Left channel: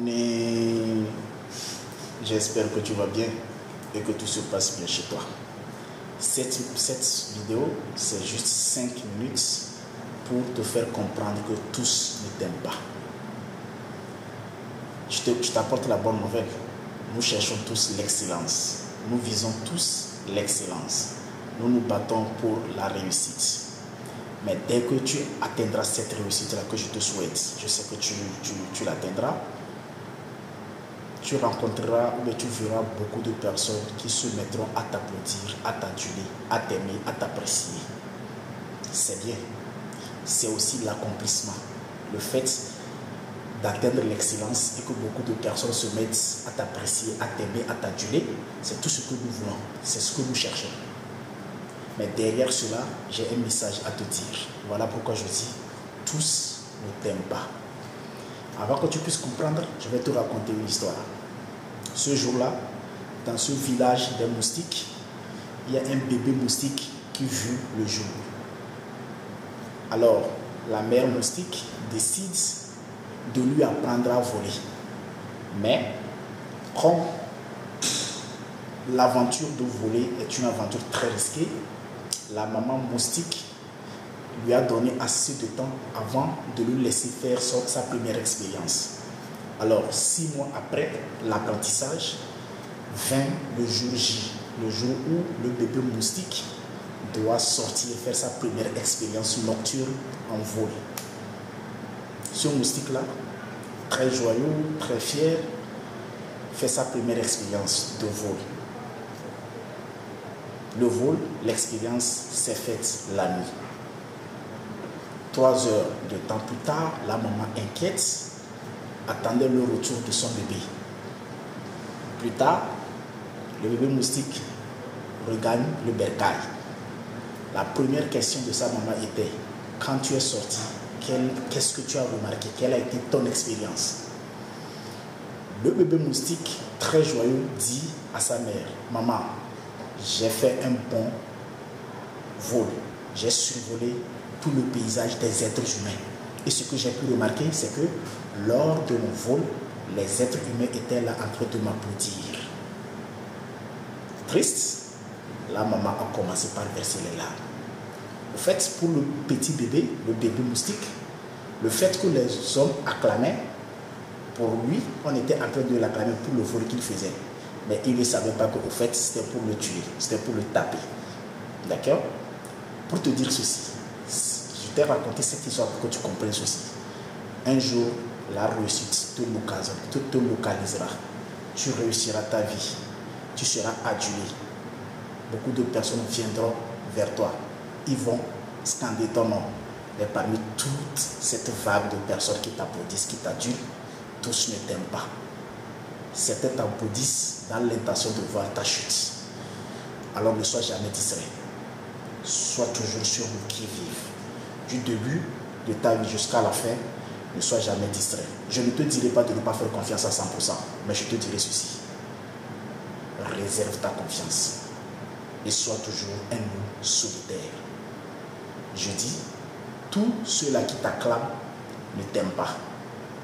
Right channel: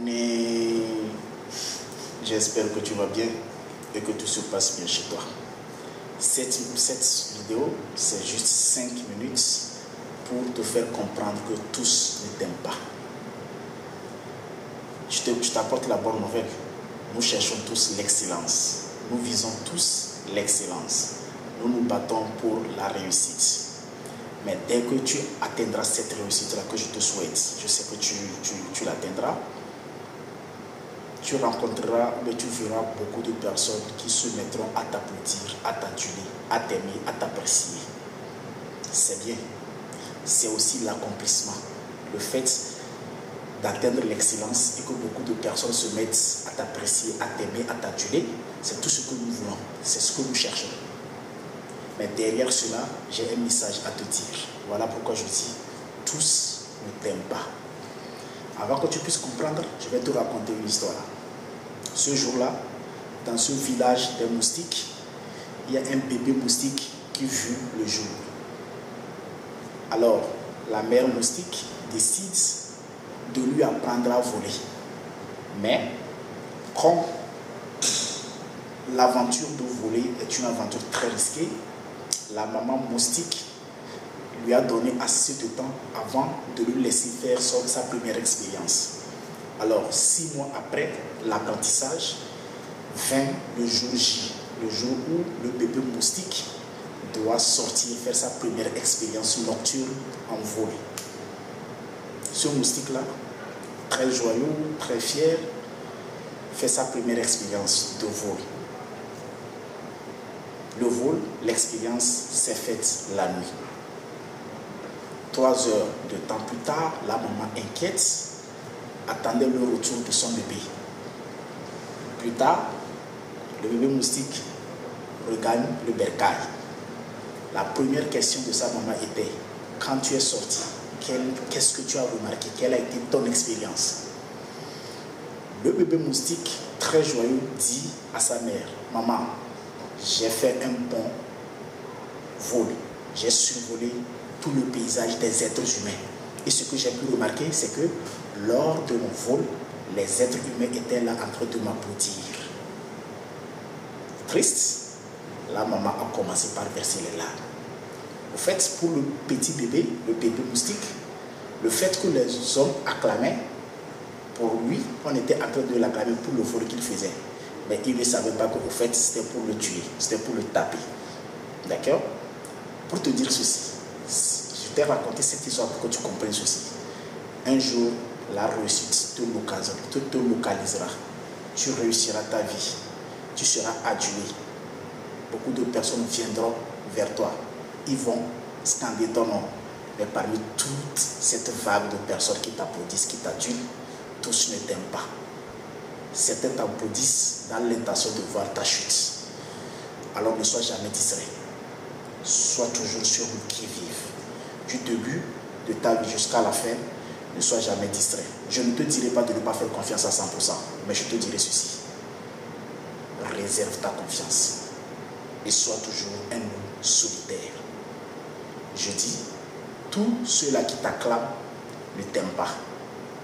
Mais j'espère que tu vas bien et que tout se passe bien chez toi. Cette vidéo, c'est juste 5 minutes pour te faire comprendre que tous ne t'aiment pas. Je t'apporte la bonne nouvelle. Nous cherchons tous l'excellence. Nous visons tous l'excellence. Nous nous battons pour la réussite. Mais dès que tu atteindras cette réussite-là que je te souhaite, je sais que tu l'atteindras, tu rencontreras ou tu verras beaucoup de personnes qui se mettront à t'applaudir, à t'aduler, à t'aimer, à t'apprécier. C'est bien. C'est aussi l'accomplissement. Le fait d'atteindre l'excellence et que beaucoup de personnes se mettent à t'apprécier, à t'aimer, à t'aduler, c'est tout ce que nous voulons, c'est ce que nous cherchons. Mais derrière cela, j'ai un message à te dire. Voilà pourquoi je dis, tous ne t'aiment pas. Avant que tu puisses comprendre, je vais te raconter une histoire. Ce jour-là, dans ce village des moustiques, il y a un bébé moustique qui vit le jour. Alors, la mère moustique décide de lui apprendre à voler. Mais, comme l'aventure de voler est une aventure très risquée, la maman moustique lui a donné assez de temps avant de lui laisser faire sa première expérience. Alors, 6 mois après l'apprentissage, vint le jour J, le jour où le bébé moustique doit sortir faire sa première expérience nocturne en vol. Ce moustique-là, très joyeux, très fier, fait sa première expérience de vol. Le vol, l'expérience s'est faite la nuit. 3 heures de temps plus tard, la maman inquiète attendait le retour de son bébé. Plus tard, le bébé moustique regagne le bercail. La première question de sa maman était: quand tu es sorti, qu'est-ce que tu as remarqué? Quelle a été ton expérience? Le bébé moustique, très joyeux, dit à sa mère: maman, j'ai fait un bon vol. J'ai survolé tout le paysage des êtres humains. Et ce que j'ai pu remarquer, c'est que lors de mon vol, les êtres humains étaient là en train de m'applaudir. Triste, la maman a commencé par verser les larmes. Au fait, pour le petit bébé, le bébé moustique, le fait que les hommes acclamaient, pour lui, on était en train de l'acclamer pour le vol qu'il faisait. Mais il ne savait pas qu'au fait, c'était pour le tuer, c'était pour le taper. D'accord? Pour te dire ceci, je t'ai raconté cette histoire pour que tu comprennes ceci. Un jour, la réussite te localisera. Tu réussiras ta vie. Tu seras adulé. Beaucoup de personnes viendront vers toi. Ils vont scander ton nom. Mais parmi toute cette vague de personnes qui t'applaudissent, qui t'adulent, tous ne t'aiment pas. Certains t'applaudissent dans l'intention de voir ta chute. Alors ne sois jamais distrait. Sois toujours sur le qui-vive. Du début de ta vie jusqu'à la fin, ne sois jamais distrait. Je ne te dirai pas de ne pas faire confiance à 100%, mais je te dirai ceci. Réserve ta confiance et sois toujours un loup solitaire. Je dis, tous ceux-là qui t'acclament ne t'aiment pas.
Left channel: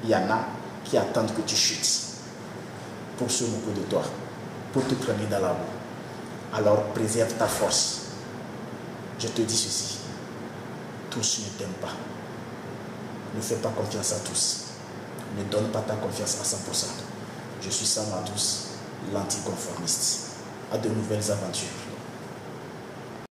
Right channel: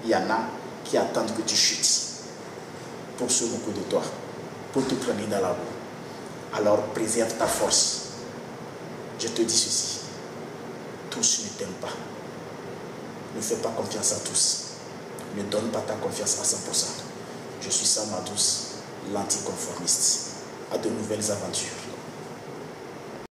Il y en a qui attendent que tu chutes pour se moquer de toi, pour te traîner dans la boue. Alors préserve ta force. Je te dis ceci, tous ne t'aiment pas. Ne fais pas confiance à tous. Ne donne pas ta confiance à 100%. Je suis Sam Adous, l'anticonformiste. À de nouvelles aventures.